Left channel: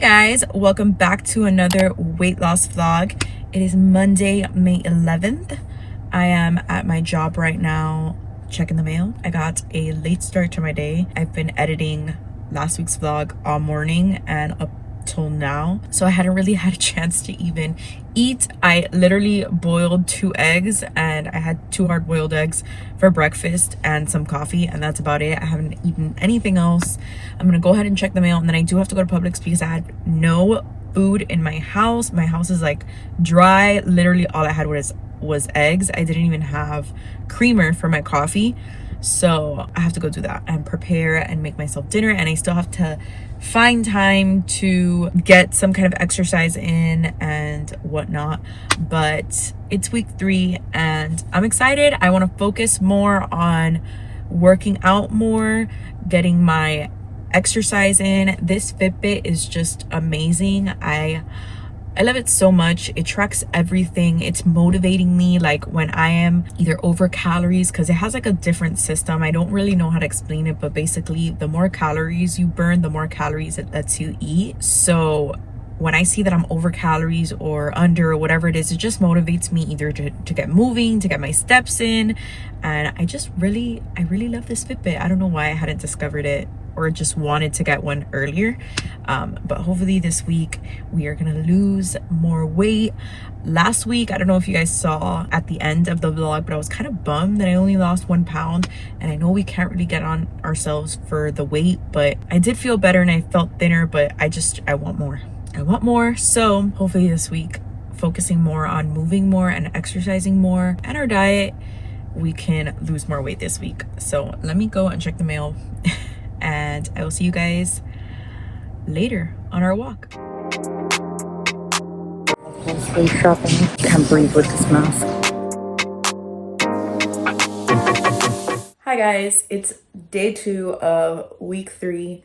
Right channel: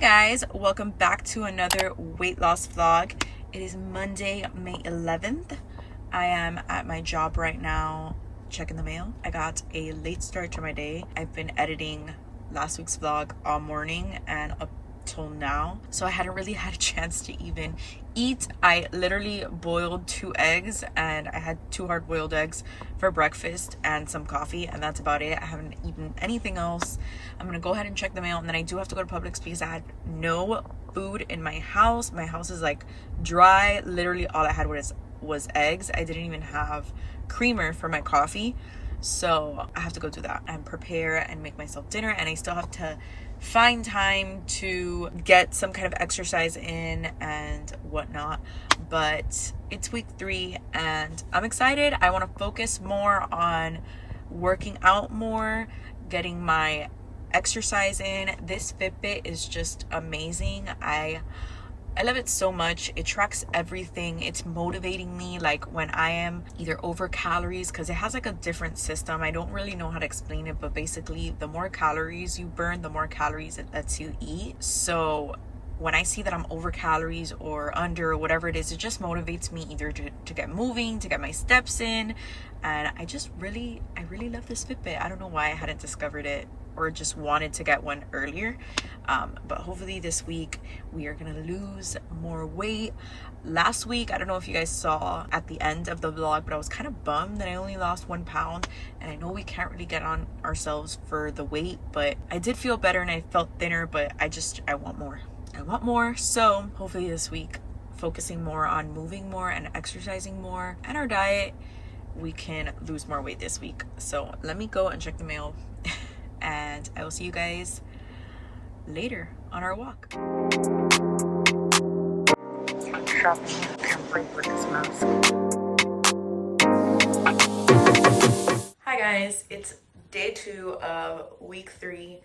Guys, welcome back to another weight loss vlog. It is Monday, May 11th. I am at my job right now checking the mail. I got a late start to my day. I've been editing last week's vlog all morning and up till now, so I hadn't really had a chance to even eat. I literally boiled 2 eggs and I had 2 hard-boiled eggs for breakfast and some coffee, and that's about it. I haven't eaten anything else. I'm gonna go ahead and check the mail, and then I do have to go to Publix because I had no food in my house. My house is like dry. Literally all I had was eggs. I didn't even have creamer for my coffee, so I have to go do that and prepare and make myself dinner. And I still have to find time to get some kind of exercise in and whatnot, but it's week 3 and I'm excited. I want to focus more on working out more, getting my exercise in. This Fitbit is just amazing. I love it so much. It tracks everything. It's motivating me like when I am either over calories, because it has like a different system. I don't really know how to explain it, but basically the more calories you burn, the more calories it lets you eat. So when I see that I'm over calories or under or whatever it is, it just motivates me either to get moving, to get my steps in. And I really love this Fitbit. I don't know why I hadn't discovered it or just wanted to get one earlier, but hopefully this week we are gonna lose more weight. Last week, I don't know if you guys saw at the end of the vlog, but I was kind of bummed that I only lost 1 pound, and I know we can't really get on ourselves for the weight, but I did feel better and I felt thinner, but I want more. So hopefully this week, focusing more on moving more and exercising more and our diet, we can lose more weight this week. So let me go and check the mail and I will see you guys later on our walk. Grocery shopping. Can't breathe with this mask. Hi guys, it's day 2 of week 3.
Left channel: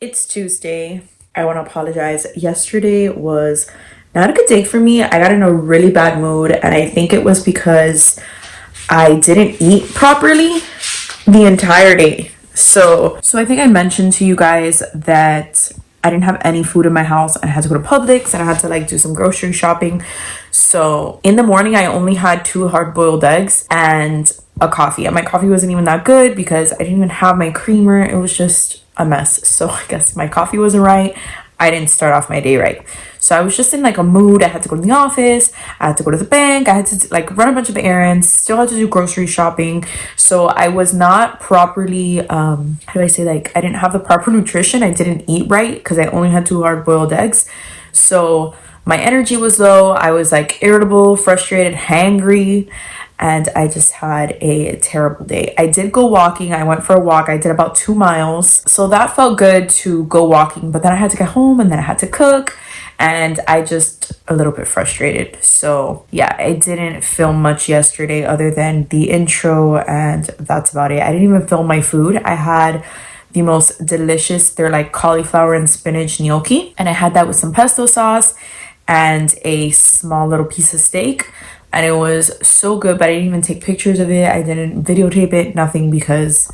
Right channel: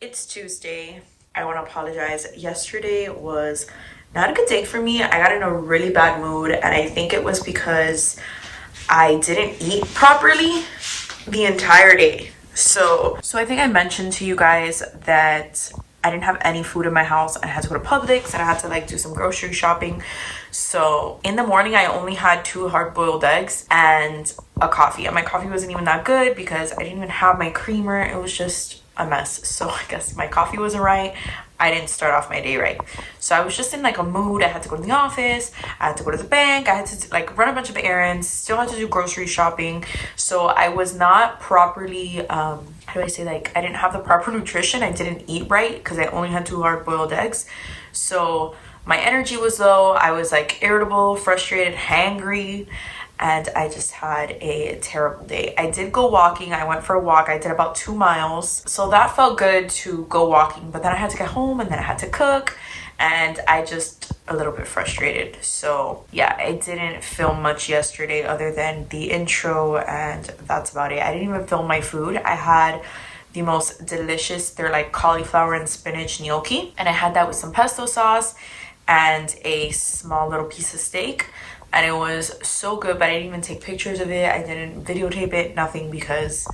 It's Tuesday. I want to apologize. Yesterday was not a good day for me. I got in a really bad mood, and I think it was because I didn't eat properly the entire day. So I think I mentioned to you guys that I didn't have any food in my house and I had to go to Publix and I had to like do some grocery shopping. So in the morning, I only had 2 hard-boiled eggs and a coffee. And my coffee wasn't even that good because I didn't even have my creamer. It was just a mess. So I guess my coffee wasn't right. I didn't start off my day right. So I was just in like a mood. I had to go to the office, I had to go to the bank, I had to like run a bunch of errands, still had to do grocery shopping. So I was not properly, how do I say, like I didn't have the proper nutrition. I didn't eat right because I only had 2 hard-boiled eggs. So my energy was low. I was like irritable, frustrated, hangry, and I just had a terrible day. I did go walking. I went for a walk. I did about 2 miles. So that felt good to go walking, but then I had to get home and then I had to cook and I just a little bit frustrated. So yeah, I didn't film much yesterday other than the intro, and that's about it. I didn't even film my food. I had the most delicious, they're like cauliflower and spinach gnocchi, and I had that with some pesto sauce and a small little piece of steak. And it was so good, but I didn't even take pictures of it. I didn't videotape it, nothing, because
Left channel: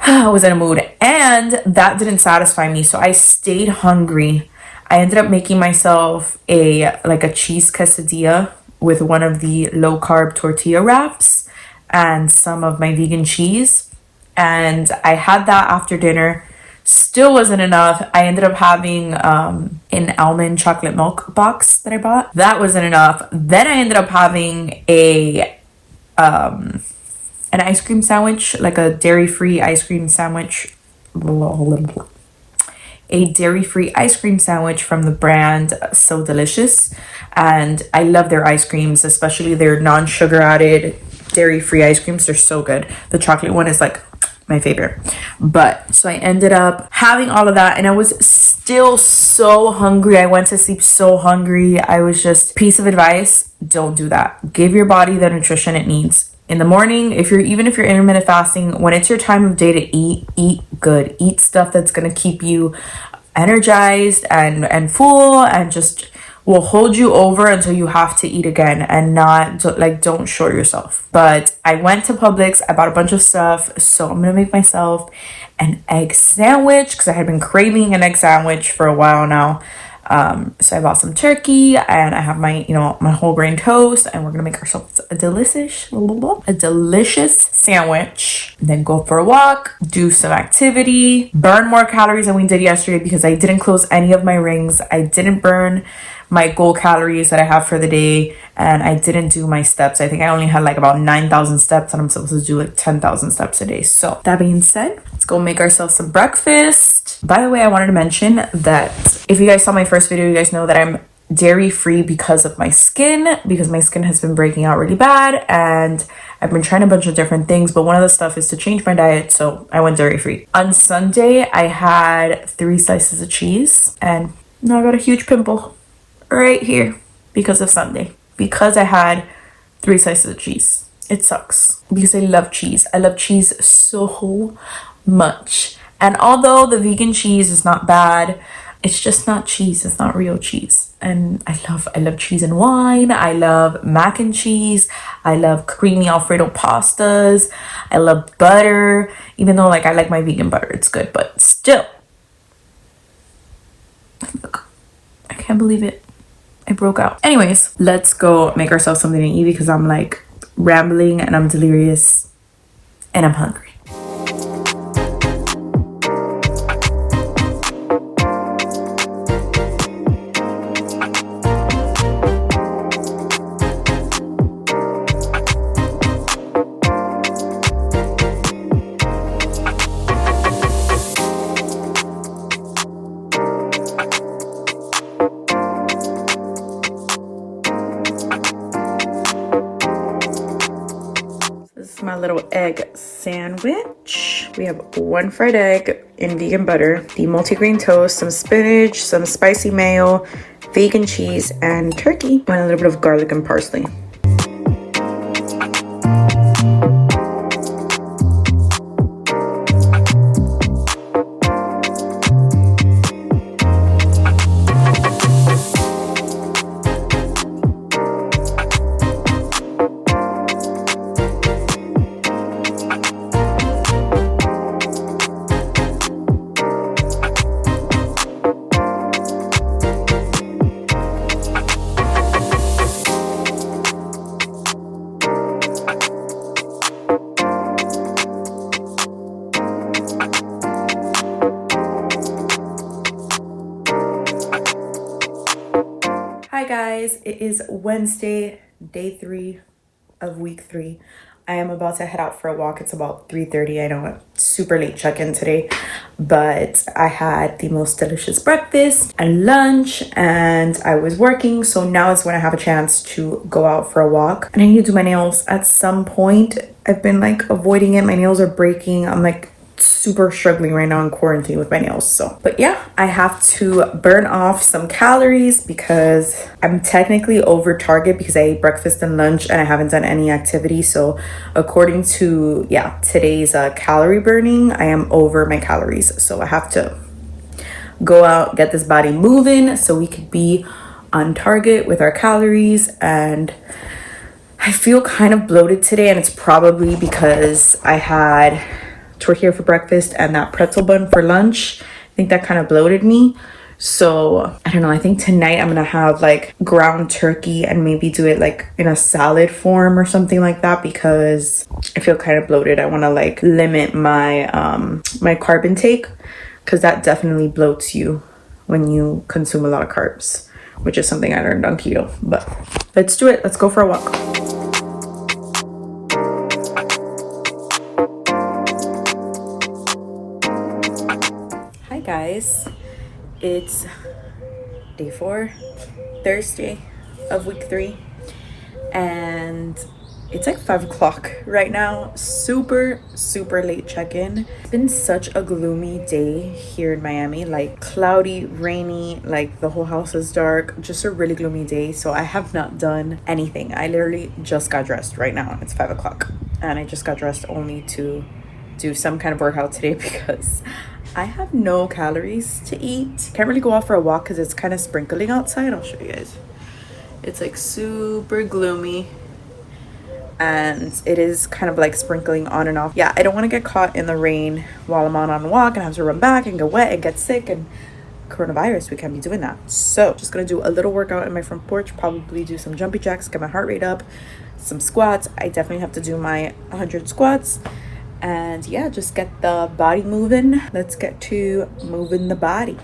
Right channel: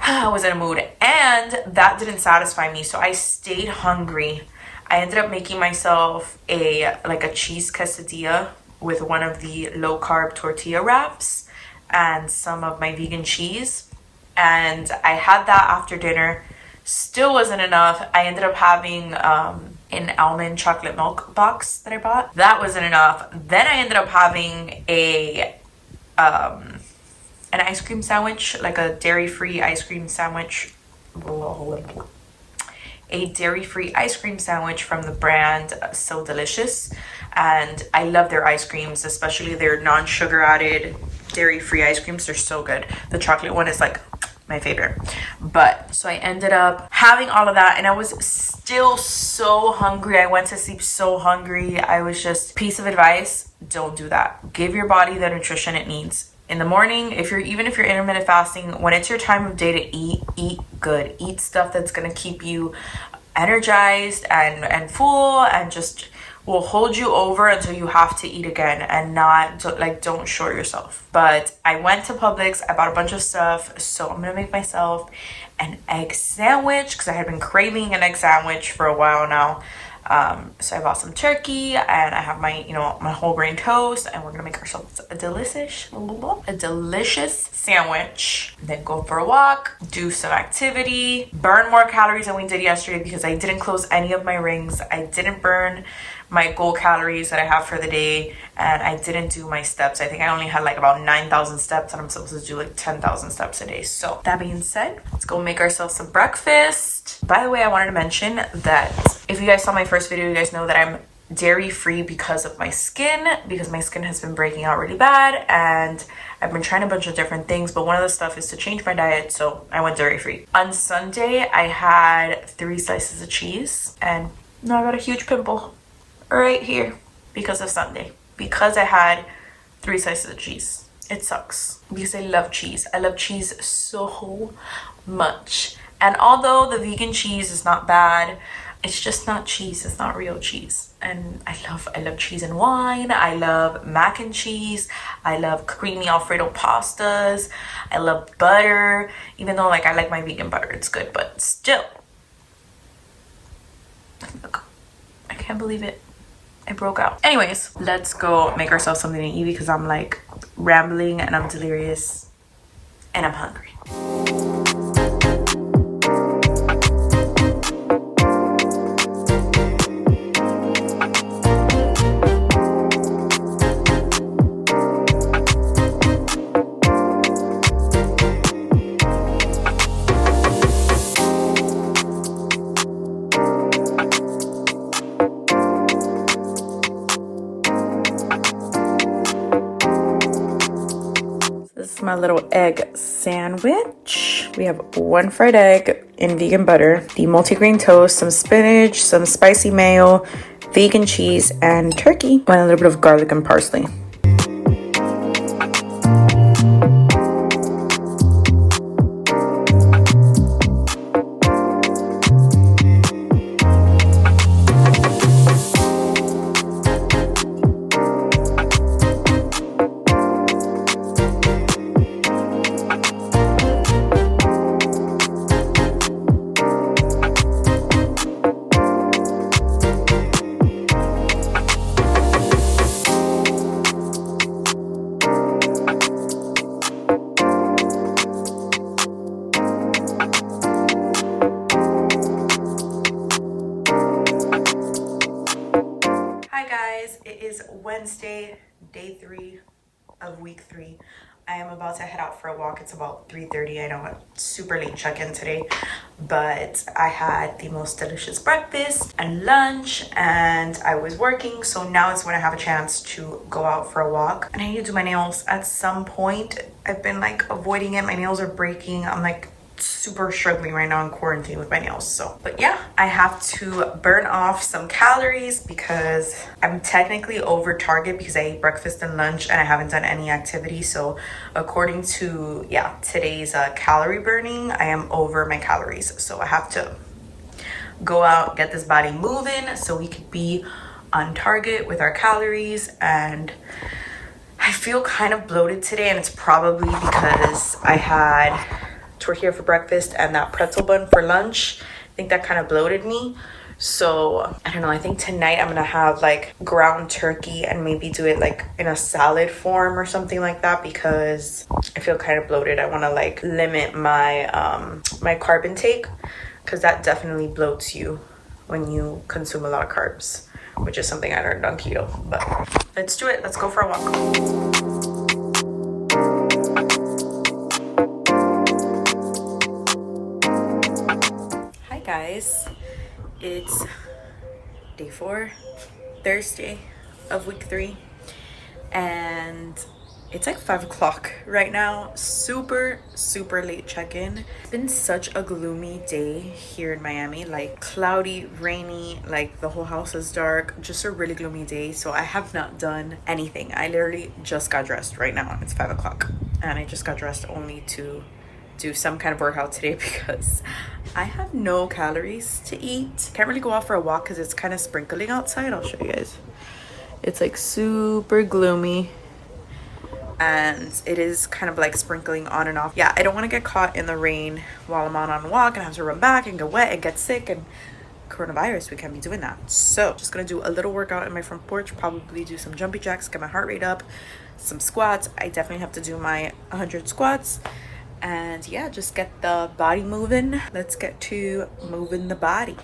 I was in a mood. And that didn't satisfy me, so I stayed hungry. I ended up making myself a cheese quesadilla with one of the low-carb tortilla wraps and some of my vegan cheese. And I had that after dinner. Still wasn't enough. I ended up having an almond chocolate milk box that I bought. That wasn't enough. Then I ended up having an ice cream sandwich, like a dairy-free ice cream sandwich. A dairy-free ice cream sandwich from the brand So Delicious. And I love their ice creams, especially their non-sugar added dairy-free ice creams. They're so good. The chocolate one is like my favorite. But so I ended up having all of that and I was still so hungry. I went to sleep so hungry. I was just, piece of advice, don't do that. Give your body the nutrition it needs. In the morning, even if you're intermittent fasting, when it's your time of day to eat good. Eat stuff that's gonna keep you energized and full and just will hold you over until you have to eat again, and don't short yourself. But I went to Publix, I bought a bunch of stuff, so I'm gonna make myself an egg sandwich because I had been craving an egg sandwich for a while now. So I bought some turkey and I have my, my whole grain toast, and we're gonna make ourselves a delicious sandwich. And then go for a walk, do some activity, burn more calories than we did yesterday because I didn't close any of my rings. I didn't burn my goal calories that I have for the day, and I didn't do my steps. I think I only had like about 9,000 steps, and I'm supposed to do like 10,000 steps a day. So that being said, let's go make ourselves some breakfast. By the way, I wanted to mention that if you guys saw my first video, you guys know that I'm dairy free because of my skin, because my skin has been breaking out really bad, and I've been trying a bunch of different things, but one of the stuff is to change my diet, so I went dairy free. On Sunday, I had 3 slices of cheese, and now I got a huge pimple right here because of Sunday, because I had 3 slices of cheese. It sucks because I love cheese. I love cheese so much, and although the vegan cheese is not bad, it's just not cheese. It's not real cheese. And I love cheese and wine. I love mac and cheese. I love creamy Alfredo pastas. I love butter, even though like I like my vegan butter, it's good, but still, look, I can't believe it. I broke out. Anyways, let's go make ourselves something to eat because I'm like rambling and I'm delirious and I'm hungry. My little egg sandwich. We have 1 fried egg in vegan butter, the multigrain toast, some spinach, some spicy mayo, vegan cheese, and turkey, and a little bit of garlic and parsley. Hi guys, it is Wednesday, day 3 of week 3. I am about to head out for a walk. It's about 3:30. I know it's super late check-in today, but I had the most delicious breakfast and lunch, and I was working, so now is when I have a chance to go out for a walk. And I need to do my nails at some point. I've been like avoiding it. My nails are breaking. I'm like super struggling right now in quarantine with my nails. So, but yeah, I have to burn off some calories because I'm technically over target because I ate breakfast and lunch and I haven't done any activity. So according to today's calorie burning, I am over my calories. So I have to go out, get this body moving so we could be on target with our calories. And I feel kind of bloated today, and it's probably because I had tortilla for breakfast and that pretzel bun for lunch. I think that kind of bloated me. So I don't know, I think tonight I'm gonna have like ground turkey and maybe do it like in a salad form or something like that because I feel kind of bloated. I want to like limit my my carb intake because that definitely bloats you when you consume a lot of carbs, which is something I learned on keto. But let's do it. Let's go for a walk. Guys, it's day 4, Thursday of week 3, and it's like 5 o'clock right now. Super late check-in. It's been such a gloomy day here in Miami, like cloudy, rainy, like the whole house is dark, just a really gloomy day. So I have not done anything. I literally just got dressed right now. It's 5 o'clock and I just got dressed only to do some kind of workout today because I have no calories to eat. Can't really go out for a walk because it's kind of sprinkling outside. I'll show you guys. It's like super gloomy. and it is kind of like sprinkling on and off. Yeah, I don't want to get caught in the rain while I'm on a walk and have to run back and get wet and get sick, and coronavirus, we can't be doing that. So just gonna do a little workout in my front porch, probably do some jumpy jacks, get my heart rate up, some squats. I definitely have to do my 100 squats, and yeah, just get the body moving. Let's get to moving the body.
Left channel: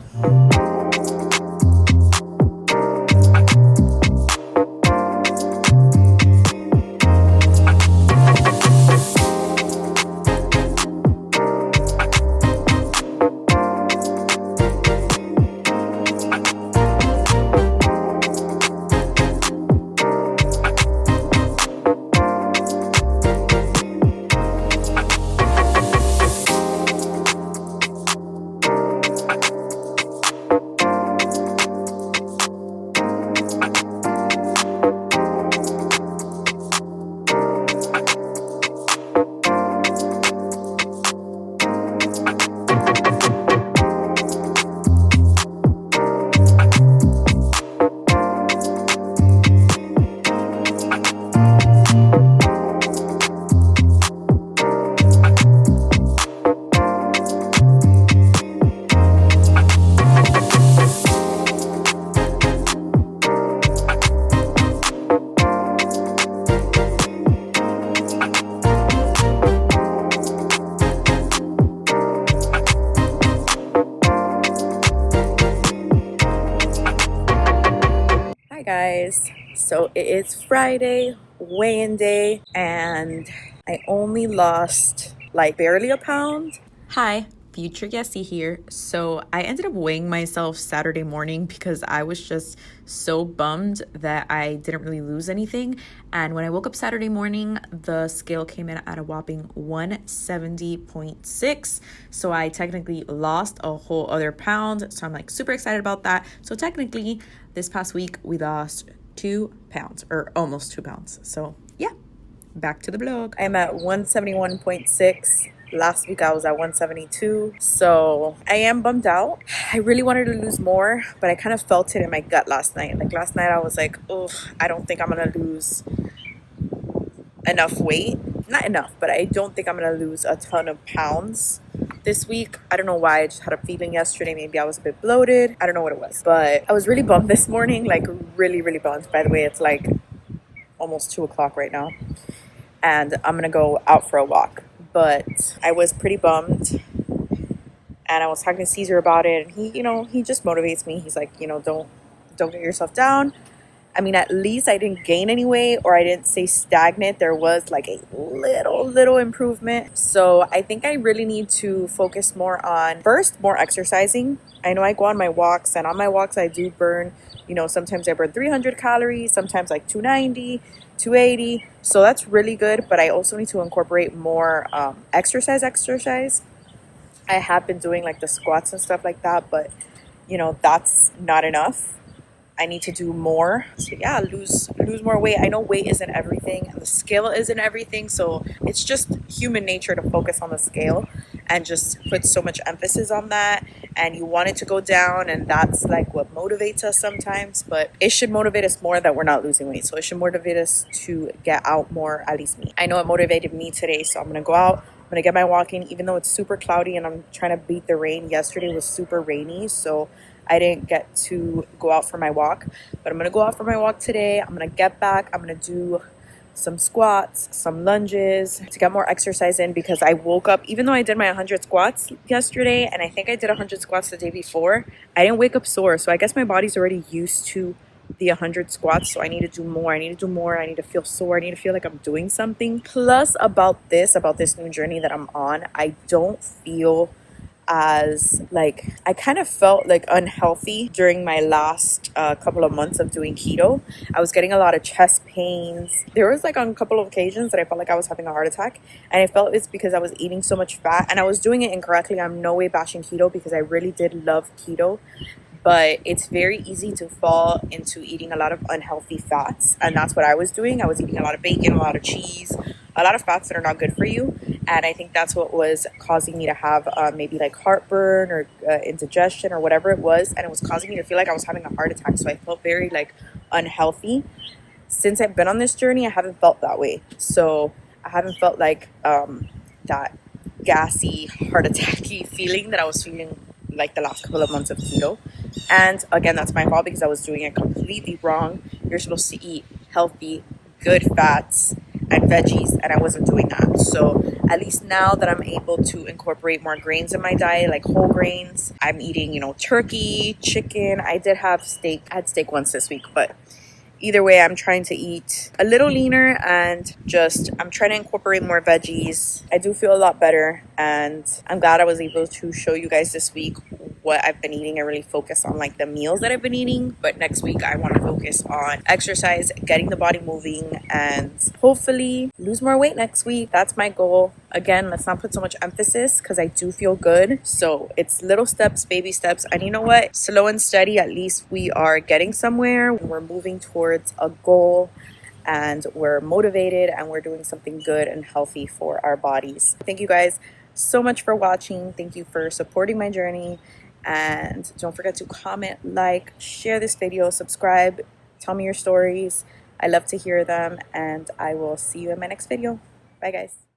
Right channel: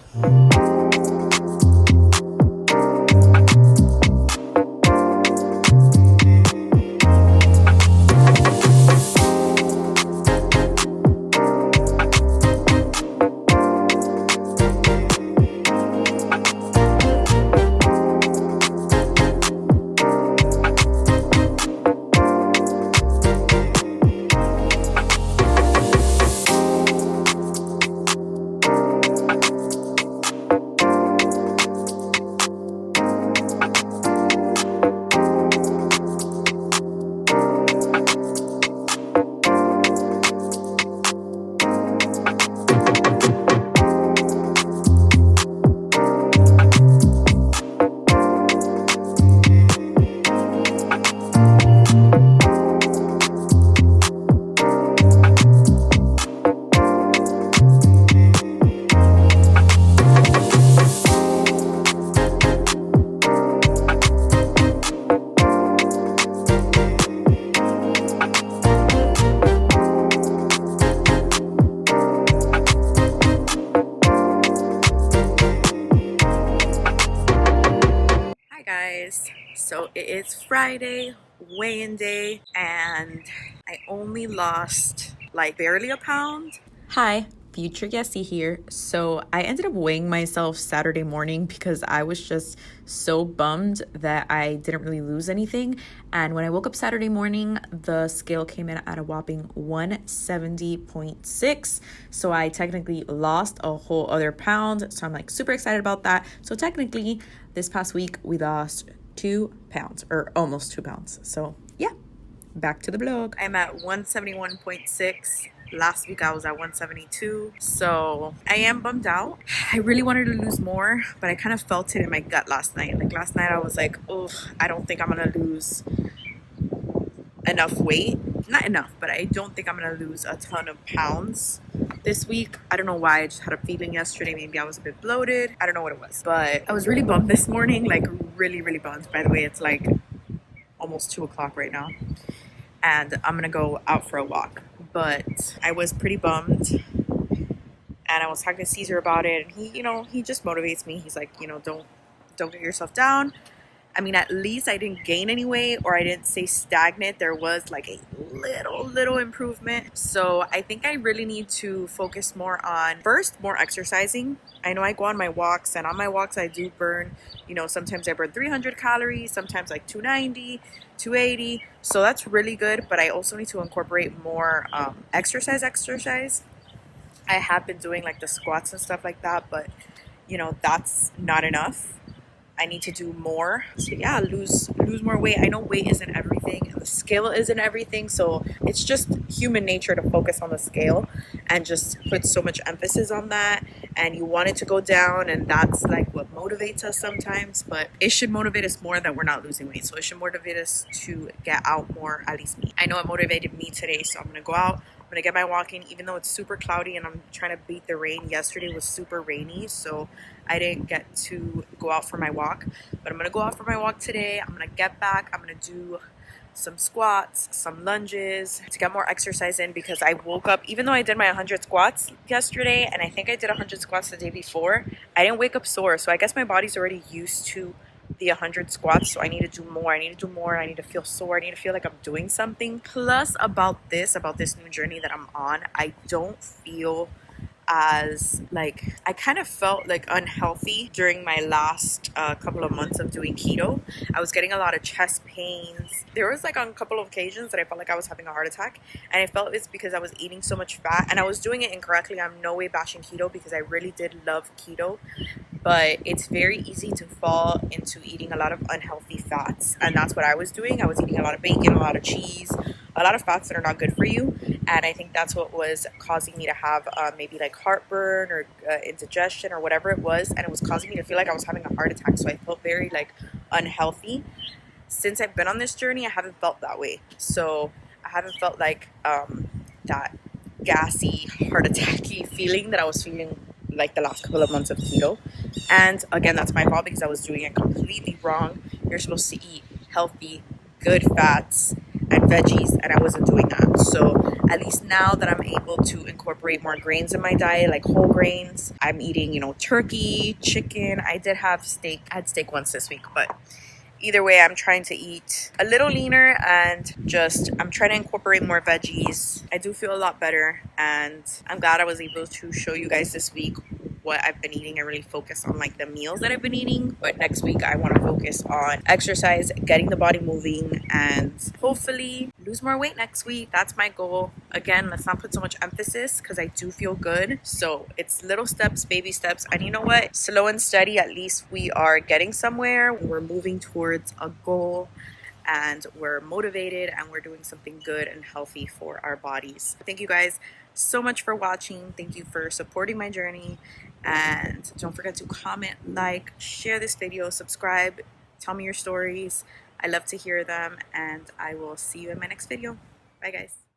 Hi guys, so it is Friday, weigh-in day, and I only lost like barely a pound. Hi, future Yesy here. So I ended up weighing myself Saturday morning because I was just so bummed that I didn't really lose anything. And when I woke up Saturday morning, the scale came in at a whopping 170.6. So I technically lost a whole other pound. So I'm like super excited about that. So technically this past week we lost 2 pounds, or almost 2 pounds. So yeah, back to the vlog. I'm at 171.6. Last week I was at 172, so I am bummed out. I really wanted to lose more, but I kind of felt it in my gut last night. Like last night I was like, oh, I don't think I'm gonna lose enough weight. Not enough, but I don't think I'm gonna lose a ton of pounds this week. I don't know why. I just had a feeling yesterday maybe I was a bit bloated. I don't know what it was, but I was really bummed this morning, like really bummed. By the way, it's like almost 2 o'clock right now, and I'm gonna go out for a walk. But I was pretty bummed, and I was talking to Caesar about it, and he just motivates me. He's like, don't get yourself down. I mean, at least I didn't gain any weight, or I didn't stay stagnant. There was like a little improvement. So I think I really need to focus more on, first, more exercising. I know I go on my walks, and on my walks I do burn, sometimes I burn 300 calories, sometimes like 290, 280. So that's really good, but I also need to incorporate more exercise. I have been doing like the squats and stuff like that, but that's not enough. I need to do more. So yeah, lose more weight. I know weight isn't everything, and the scale isn't everything, so it's just human nature to focus on the scale and just put so much emphasis on that, and you want it to go down, and that's like what motivates us sometimes. But it should motivate us more that we're not losing weight. So it should motivate us to get out more, at least me. I know it motivated me today, so I'm gonna go out. I'm gonna get my walking, even though it's super cloudy and I'm trying to beat the rain. Yesterday was super rainy, so I didn't get to go out for my walk, but I'm gonna go out for my walk today. I'm gonna get back. I'm gonna do some squats, some lunges to get more exercise in, because I woke up, even though I did my 100 squats yesterday, and I think I did 100 squats the day before, I didn't wake up sore. So I guess my body's already used to the 100 squats, so I need to do more. I need to feel sore. I need to feel like I'm doing something. Plus, about this new journey that I'm on, I don't feel as like, I kind of felt like unhealthy during my last couple of months of doing keto. I was getting a lot of chest pains. There was like on a couple of occasions that I felt like I was having a heart attack, and I felt it's because I was eating so much fat, and I was doing it incorrectly. I'm no way bashing keto, because I really did love keto, but it's very easy to fall into eating a lot of unhealthy fats, and that's what I was doing. I was eating a lot of bacon, a lot of cheese, a lot of fats that are not good for you, and I think that's what was causing me to have maybe like heartburn or indigestion or whatever it was, and it was causing me to feel like I was having a heart attack. So I felt very like unhealthy. since I've been on this journey, I haven't felt that way. So I haven't felt like that gassy, heart attacky feeling that I was feeling like the last couple of months of keto. And again, that's my fault because I was doing it completely wrong. You're supposed to eat healthy, good fats and veggies, and I wasn't doing that. So at least now that I'm able to incorporate more grains in my diet, like whole grains, I'm eating, you know, turkey, chicken. I did have steak. I had steak once this week, but either way, I'm trying to eat a little leaner and just I'm trying to incorporate more veggies. I do feel a lot better, and I'm glad I was able to show you guys this week what I've been eating and really focus on like the meals that I've been eating. But next week I want to focus on exercise, getting the body moving, and hopefully lose more weight next week. That's my goal. Again, let's not put so much emphasis because I do feel good. So it's little steps, baby steps. And you know what? Slow and steady, at least we are getting somewhere. We're moving towards a goal and we're motivated and we're doing something good and healthy for our bodies. Thank you guys so much for watching. Thank you for supporting my journey. And don't forget to comment, like, share this video, subscribe, tell me your stories. I love to hear them, and I will see you in my next video. Bye guys.